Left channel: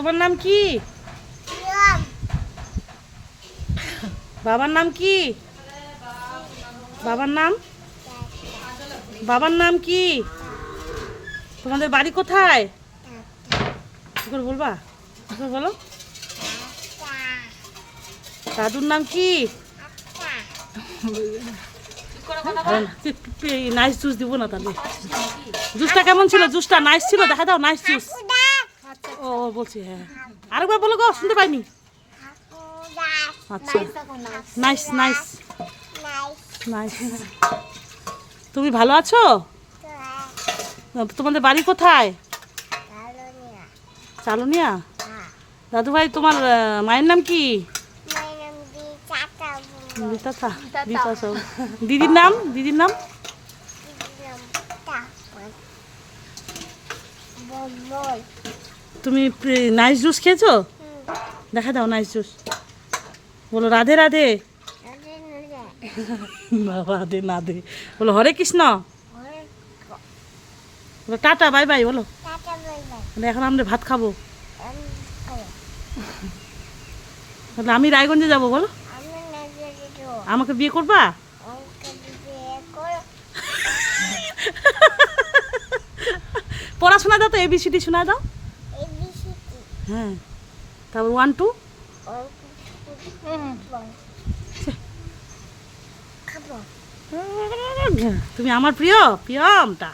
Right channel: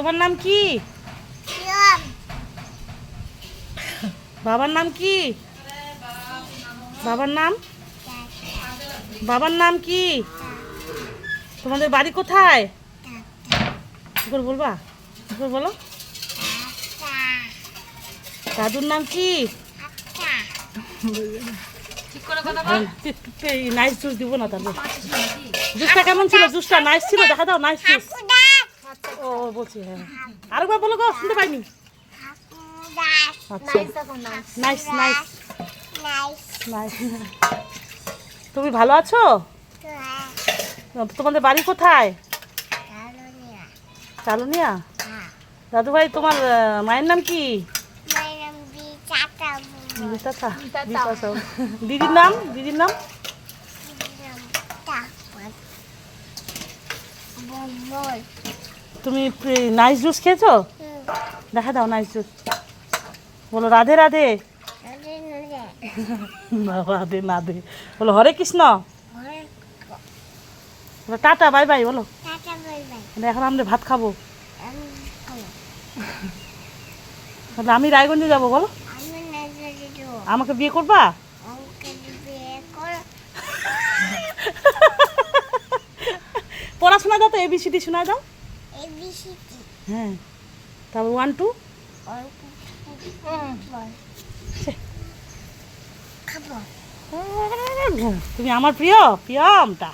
তোমার নাম কি? বাবার নাম কি? বাবার নাম বাবার নাম কি? তোমাদের বাড়ি কোথায়? কি করে বলবা? কি করে বলো? দাদুর নাম কি? নাইস জুস দিব না তাহলে। জুসটা কেমন ছিল? জুসটা নাইস ছিল, দেখা দাও। Nice juice. ও বলছি, হ্যাঁ আরেকবার বলো গো, শুনতে পাইনি। আচ্ছা, নাইস নাইস নাইস। তুমি ভালো আছো? তোমাদের বাড়ি কোথায়? কালোনিয়া। দাদু ভাই, তোমার মায়ের নাম কি? দিদির নাম? দিদির নাম? তুমি নাইস জুস খেয়েছো? দেখা দাও নাইস জুস। বলো রাধে রাধে। রাধে না দে, বলো হরে কৃষ্ণ। বলো টাটা বাই বাই। বলো এখন আমরা ভাত খাবো। তাহলে আমি রায়গঞ্জে যাবো। বলো আমাকে বিয়ে করবা? পড়াশোনা দাও তো, এবিসিডি শোনায় দাও। হ্যাঁ, তারপর 1 2। তুমি আমার প্রিয় প্রিয়মটা।